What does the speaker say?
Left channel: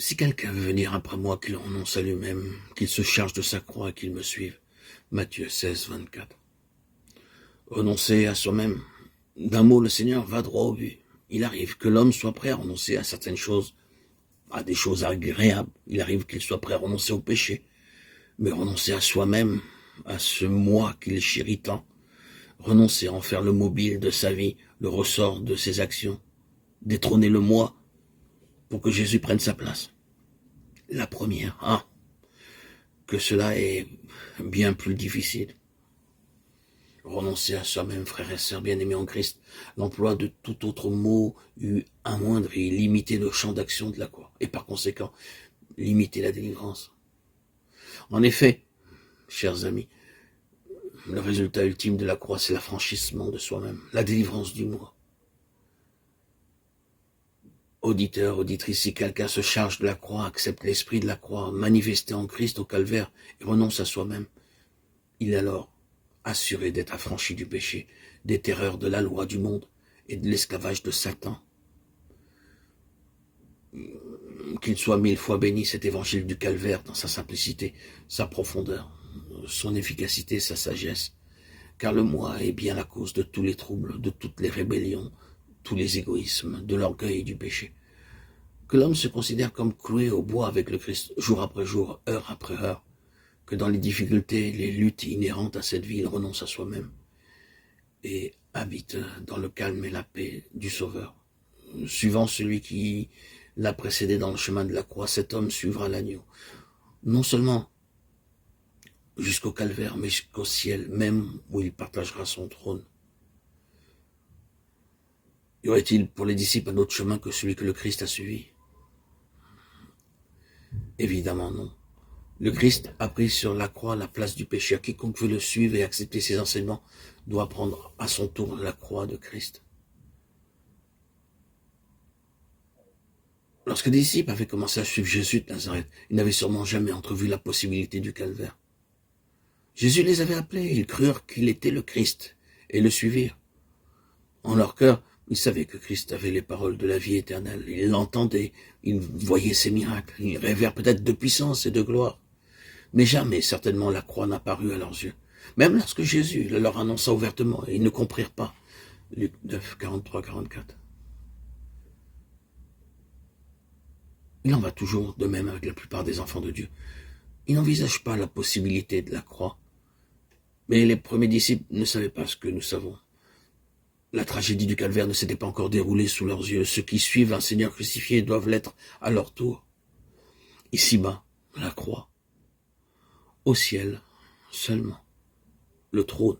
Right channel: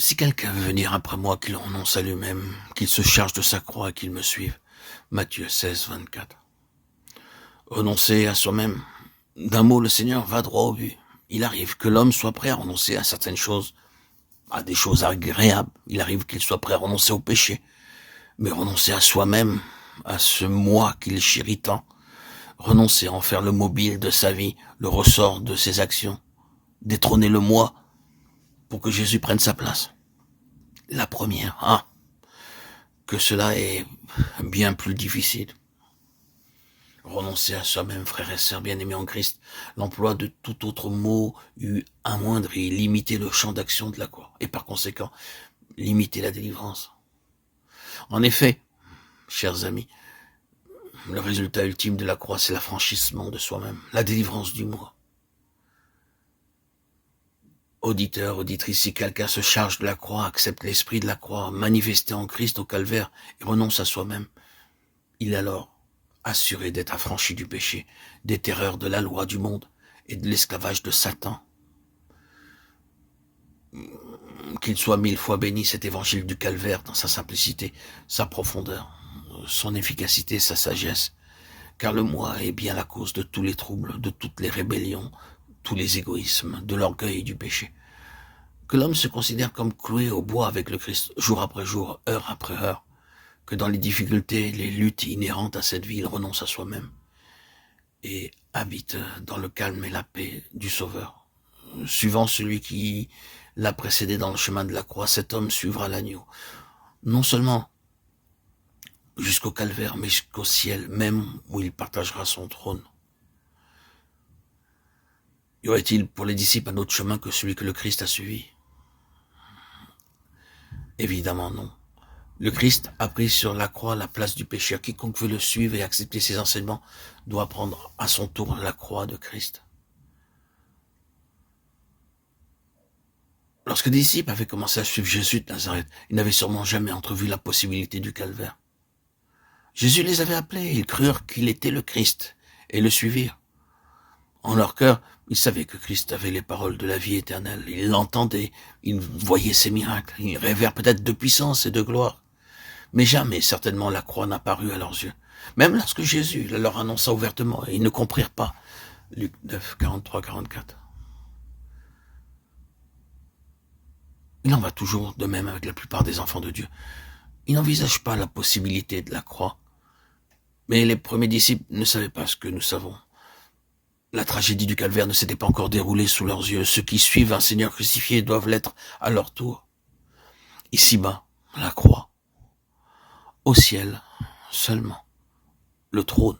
Si quelqu'un veut venir après moi, qu'il renonce à lui-même, qu'il se charge de sa croix et qu'il me suive. Matthieu 16, 24. Renoncer à soi-même. D'un mot, le Seigneur va droit au but. Il arrive que l'homme soit prêt à renoncer à certaines choses, à des choses agréables. Il arrive qu'il soit prêt à renoncer au péché. Mais renoncer à soi-même, à ce moi qu'il chérit tant, renoncer à en faire le mobile de sa vie, le ressort de ses actions, détrôner le moi pour que Jésus prenne sa place. La première, que cela est bien plus difficile. Renoncer à soi-même, frères et sœurs bien-aimés en Christ, l'emploi de tout autre mot eût amoindri, limité le champ d'action de la croix, et par conséquent, limiter la délivrance. En effet, chers amis, le résultat ultime de la croix, c'est l'affranchissement de soi-même, la délivrance du moi. Auditeur, auditrice, si quelqu'un se charge de la croix, accepte l'esprit de la croix, manifesté en Christ au calvaire, et renonce à soi-même, il est alors assuré d'être affranchi du péché, des terreurs de la loi du monde et de l'esclavage de Satan. Qu'il soit 1000 fois béni cet évangile du calvaire dans sa simplicité, sa profondeur, son efficacité, sa sagesse, car le moi est bien la cause de tous les troubles, de toutes les rébellions, tous les égoïsmes, de l'orgueil et du péché. Que l'homme se considère comme cloué au bois avec le Christ, jour après jour, heure après heure, que dans les difficultés, les luttes inhérentes à cette vie, il renonce à soi-même et habite dans le calme et la paix du Sauveur. Suivant celui qui l'a précédé dans le chemin de la croix, cet homme suivra l'agneau. Non seulement jusqu'au calvaire, mais jusqu'au ciel, même où il partagera son trône. Y aurait-il pour les disciples un autre chemin que celui que le Christ a suivi? Évidemment non. Le Christ a pris sur la croix la place du pécheur. Quiconque veut le suivre et accepter ses enseignements doit prendre à son tour la croix de Christ. Lorsque les disciples avaient commencé à suivre Jésus de Nazareth, ils n'avaient sûrement jamais entrevu la possibilité du calvaire. Jésus les avait appelés, ils crurent qu'il était le Christ et le suivirent. En leur cœur, ils savaient que Christ avait les paroles de la vie éternelle. Ils l'entendaient, ils voyaient ses miracles, ils rêvèrent peut-être de puissance et de gloire. Mais jamais, certainement, la croix n'a paru à leurs yeux. Même lorsque Jésus leur annonça ouvertement, et ils ne comprirent pas. Luc 9, 43, 44. Il en va toujours de même avec la plupart des enfants de Dieu. Ils n'envisagent pas la possibilité de la croix. Mais les premiers disciples ne savaient pas ce que nous savons. La tragédie du calvaire ne s'était pas encore déroulée sous leurs yeux. Ceux qui suivent un Seigneur crucifié doivent l'être à leur tour. Ici-bas, la croix. Au ciel, seulement, le trône.